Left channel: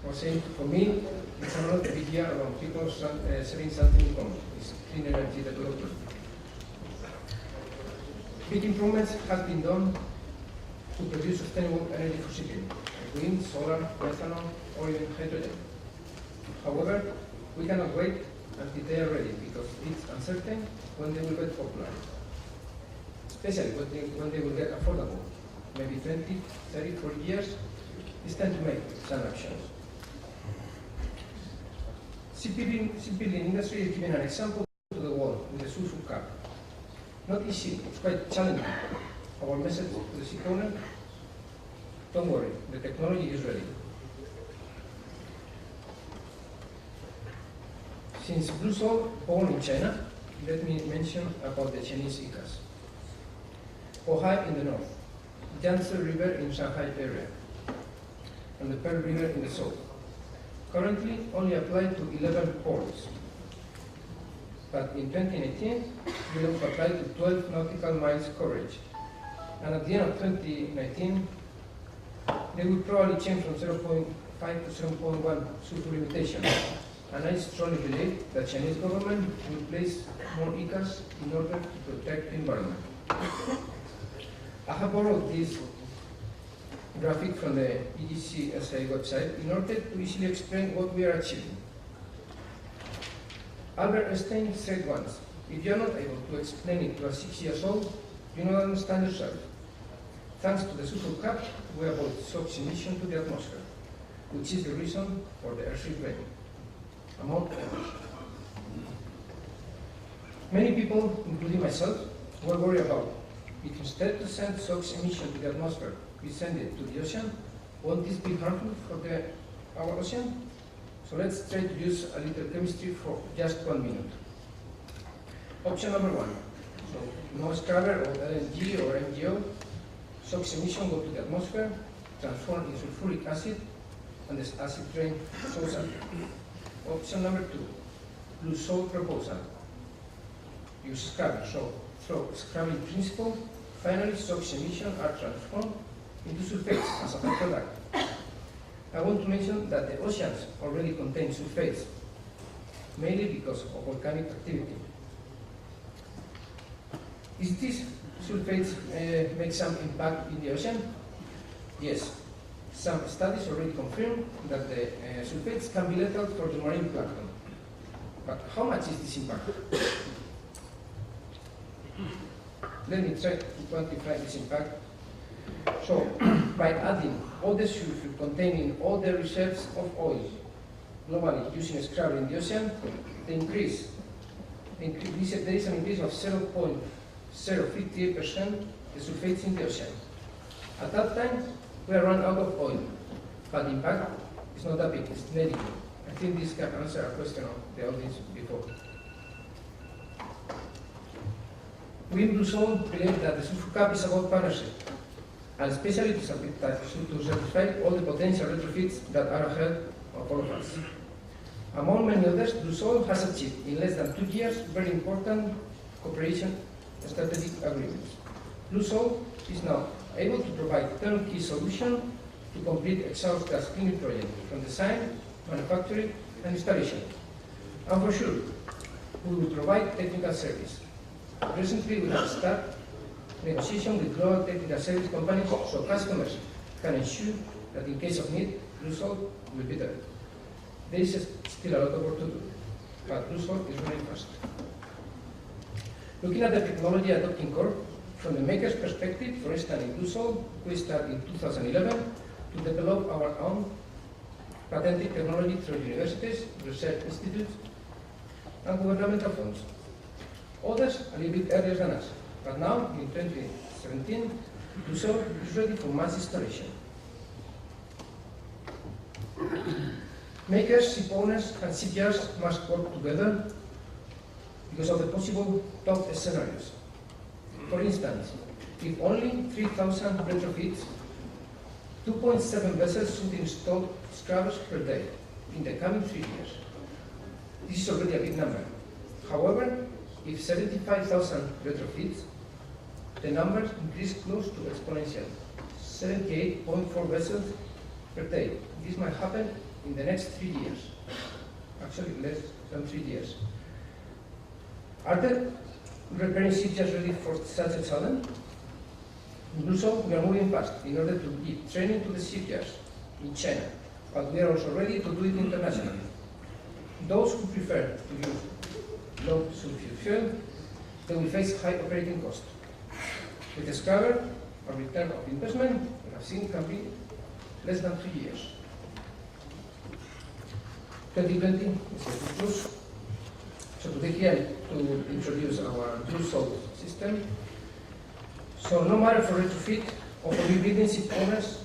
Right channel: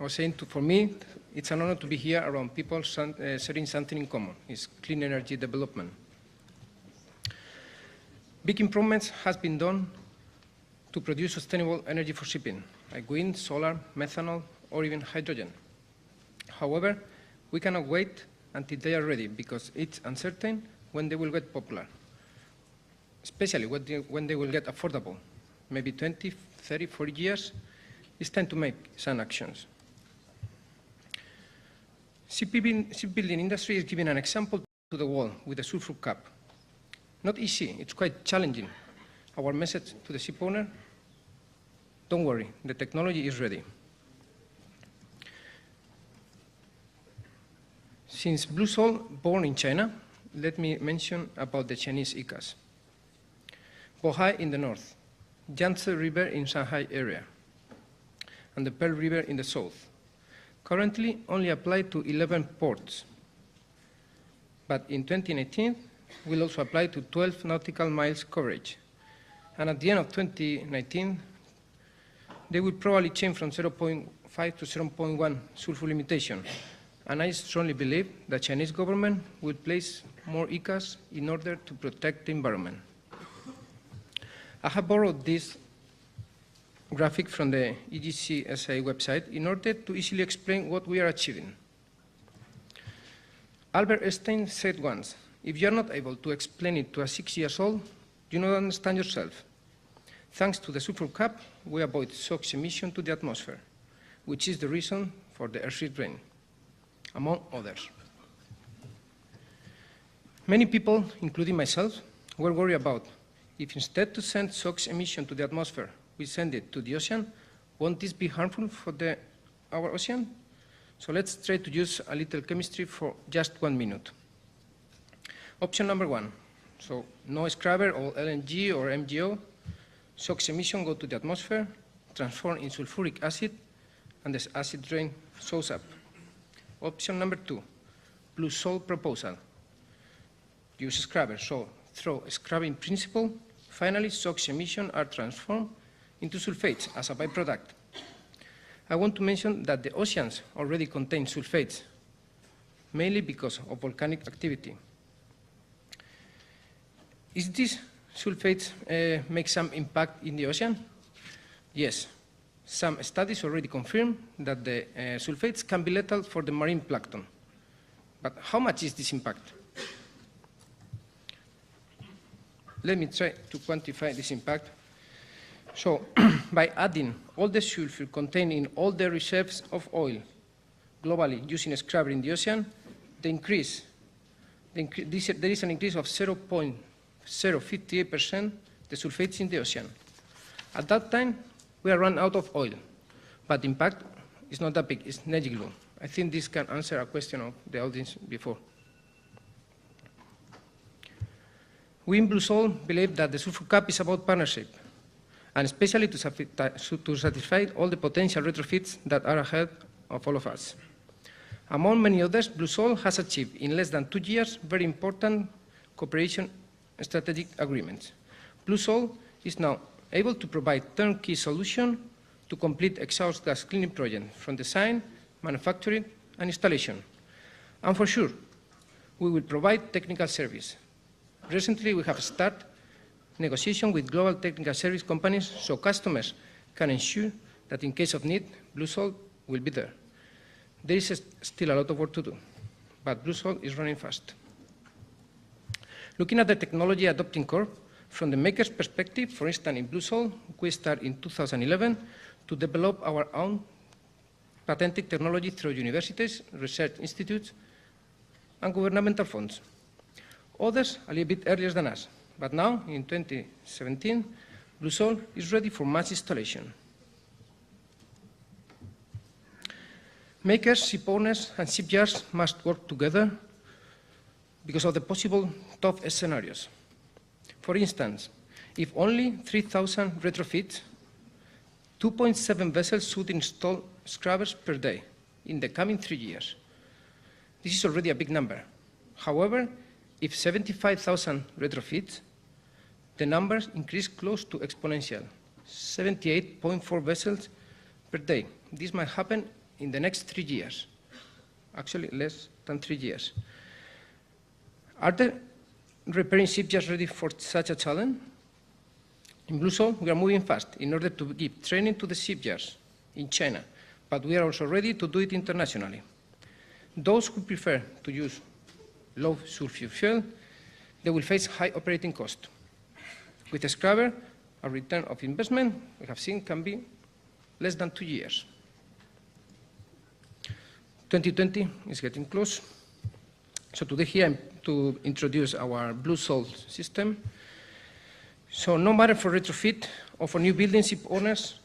I was saying, for me, it's an honor to be here around people sharing something in common. It's clean energy development. Big improvements have been done to produce sustainable energy for shipping, like wind, solar, methanol, or even hydrogen. However, we cannot wait until they are ready because it's uncertain when they will get popular, especially when they will get affordable. Maybe 20, 30, 40 years, it's time to make some actions. Shipbuilding industry is giving an example to the world with the sulfur cap. Not easy, it's quite challenging. Our message to the ship owner, don't worry, the technology is ready. Since BlueSoul, born in China, let me mention about the Chinese ICAs. Bohai in the north, Yangtze River in Shanghai area, and the Pearl River in the south. Currently only applied to 11 ports, but in 2019 will also apply to 12 nautical miles coverage. And at the end of 2019, they will probably change from 0.5 to 0.1 sulfur limitation. And I strongly believe the Chinese government will place more ICAs in order to protect the environment. I have borrowed this graphic from the EGCSA website in order to easily explain what we are achieving. Albert Einstein said once, if you are not able to explain it to a 6-year-old, you don't understand yourself. Thanks to the sulfur cap, we avoid SOx emission to the atmosphere, which is the reason for the acid rain, among others. Many people, including myself, were worried about if instead to send SOx emission to the atmosphere, we send it to the ocean, won't this be harmful for our ocean? So let's try to use a little chemistry for just 1 minute. Option number 1, so no scrubber or LNG or MGO, SOx emission go to the atmosphere, transform in sulfuric acid, and this acid rain shows up. Option number 2, BlueSoul proposal. Use scrubber, so through scrubbing principle, finally SOx emissions are transformed into sulfates as a byproduct. I want to mention that the oceans already contain sulfates, mainly because of volcanic activity. Is this sulfates make some impact in the ocean? Yes. Some studies already confirm that the sulfates can be lethal for the marine plankton. But how much is this impact? Let me try to quantify this impact. So, by adding all the sulfur containing all the reserves of oil globally using a scrubber in the ocean, there is an increase of 0.058% the sulfates in the ocean. At that time, we are run out of oil, but the impact is not that big, it's negligible. I think this can answer a question of the audience before. We in BlueSoul believe that the sulfur cap is about partnership, and especially to satisfy all the potential retrofits that are ahead of all of us. Among many others, BlueSoul has achieved in less than 2 years very important cooperation strategic agreements. BlueSoul is now able to provide turnkey solution to complete exhaust gas cleaning project from design, manufacturing, and installation. And for sure, we will provide technical service. Recently, we have started negotiation with global technical service companies so customers can ensure that in case of need, BlueSoul will be there. There is still a lot of work to do, but BlueSoul is running fast. Looking at the technology adopting curve, from the maker's perspective, for instance, in BlueSoul, we started in 2011 to develop our own patented technology through universities, research institutes, and governmental funds. Others a little bit earlier than us, but now, in 2017, BlueSoul is ready for mass installation. Makers, ship owners, and shipyards must work together because of the possible tough scenarios. For instance, if only 3,000 retrofits, 2.7 vessels should install scrubbers per day in the coming 3 years. This is already a big number. However, if 75,000 retrofits, the numbers increase close to exponential, 78.4 vessels per day. This might happen in the next 3 years. Actually, less than 3 years. Are the repairing shipyards ready for such a challenge? In BlueSoul, we are moving fast in order to give training to the shipyards in China, but we are also ready to do it internationally. Those who prefer to use low sulfur fuel, they will face high operating cost. With a scrubber, a return of investment we have seen can be less than 2 years. 2020 is getting close. So today here to introduce our BlueSoul system. So no matter for retrofit or for new buildings, ship owners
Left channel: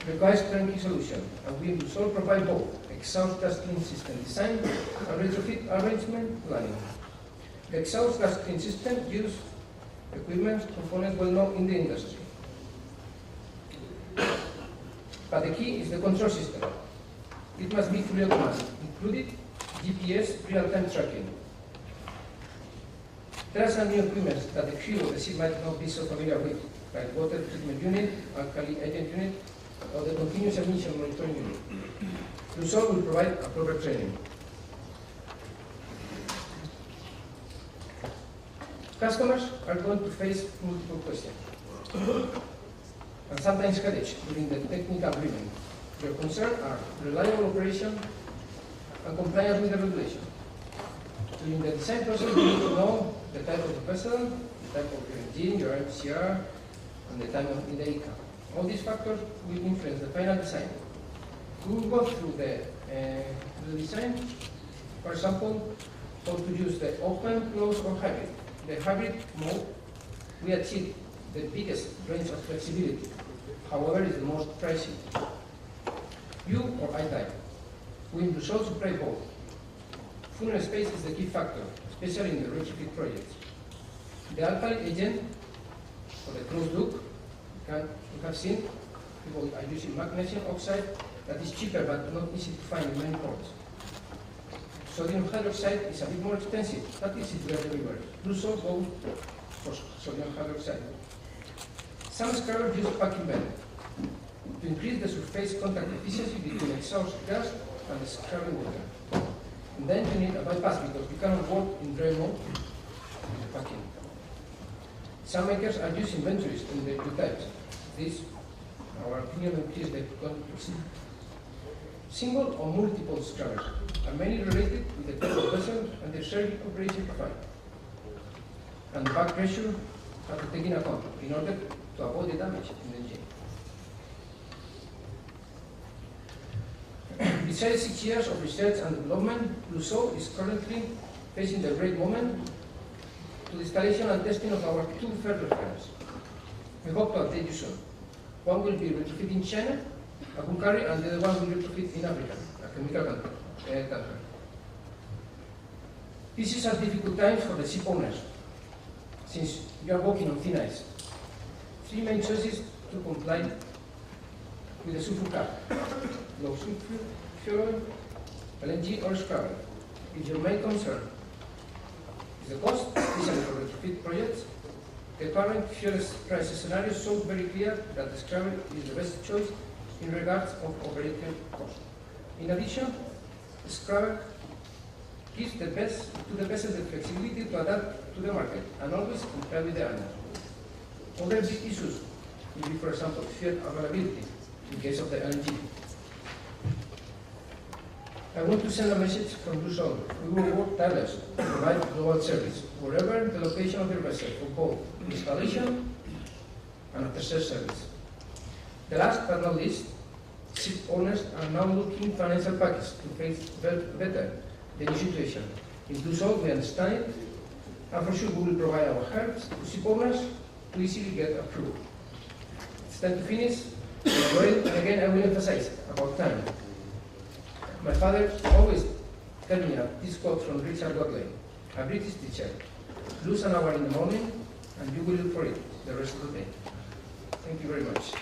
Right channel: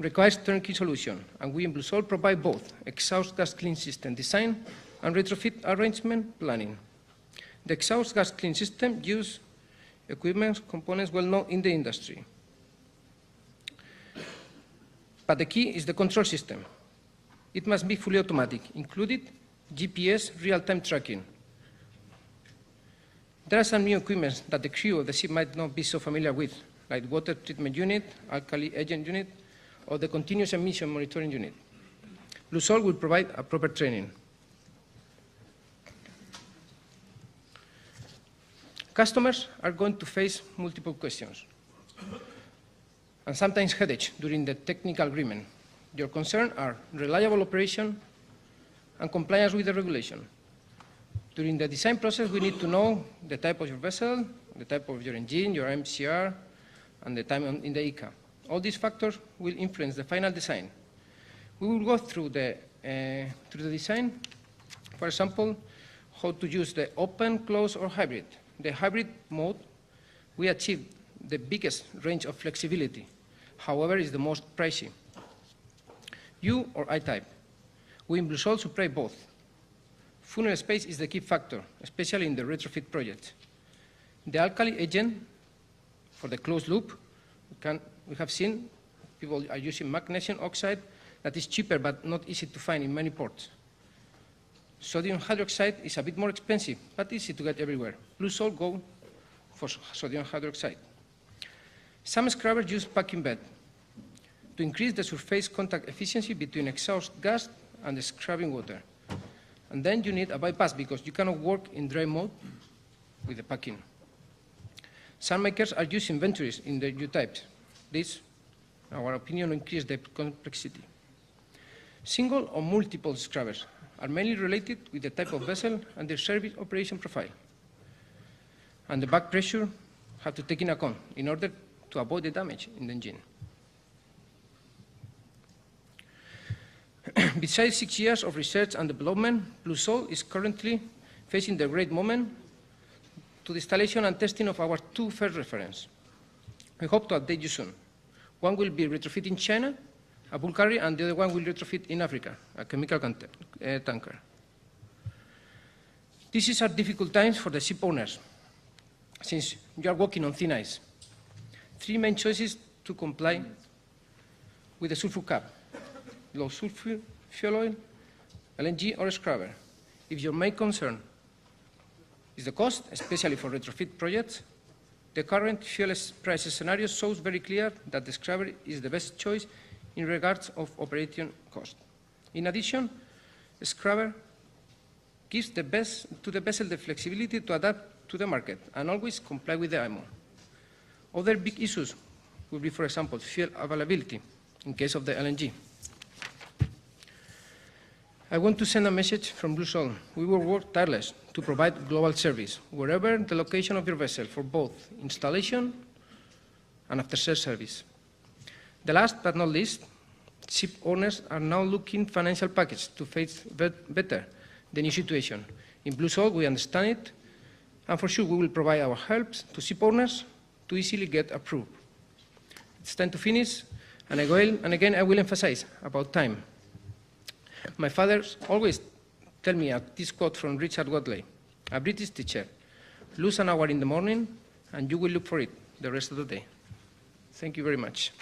requires turnkey solution, and we in BlueSoul provide both exhaust gas clean system design and retrofit arrangement planning. The exhaust gas clean system uses equipment components well known in the industry. But the key is the control system. It must be fully automatic, including GPS real-time tracking. There are some new equipment that the crew of the ship might not be so familiar with, like water treatment unit, alkali agent unit, or the continuous emission monitoring unit. BlueSoul will provide a proper training. Customers are going to face multiple questions, and sometimes headaches during the technical agreement. Your concerns are reliable operation and compliance with the regulation. During the design process, we need to know the type of your vessel, the type of your engine, your MCR, and the time in the ICA. All these factors will influence the final design. We will go through the design. For example, how to use the open, closed, or hybrid. The hybrid mode, we achieve the biggest range of flexibility. However, is the most pricey. U or I type. We in BlueSoul supply both. Funnel space is the key factor, especially in the retrofit projects. The alkali agent for the closed loop, we have seen people are using magnesium oxide that is cheaper but not easy to find in many ports. Sodium hydroxide is a bit more expensive but easy to get everywhere. BlueSoul go for sodium hydroxide. Some scrubbers use packing bed to increase the surface contact efficiency between exhaust gas and the scrubbing water. And then you need a bypass because you cannot work in dry mode with the packing. Some makers are using ventures in the U-types. This, in our opinion, increases the complexity. Single or multiple scrubbers are mainly related with the type of vessel and the service operation profile. And the back pressure have to take in account in order to avoid the damage in the engine. Besides 6 years of research and development, BlueSoul is currently facing the great moment to the installation and testing of our 2 first reference. We hope to update you soon. One will be retrofit in China, a bulk carrier, and the other one will retrofit in Africa, a chemical tanker. This is a difficult time for the ship owners, since you are walking on thin ice. 3 main choices to comply with the sulfur cap: low sulfur fuel oil, LNG, or scrubber. If your main concern is the cost, especially for retrofit projects, the current fuel price scenario shows very clear that the scrubber is the best choice in regards of operating cost. In addition, the scrubber gives the best to the vessel the flexibility to adapt to the market and always comply with the IMO. Other big issues would be, for example, fuel availability in case of the LNG. I want to send a message from BlueSoul. We will work tireless to provide global service wherever the location of your vessel for both installation and after-sales service. The last but not least, ship owners are now looking financial package to face better the new situation. In BlueSoul, we understand it, and for sure we will provide our help to ship owners to easily get approved. It's time to finish, and again I will emphasize about time. My father always tell me this quote from Richard Watley, a British teacher: lose an hour in the morning and you will look for it the rest of the day. Thank you very much.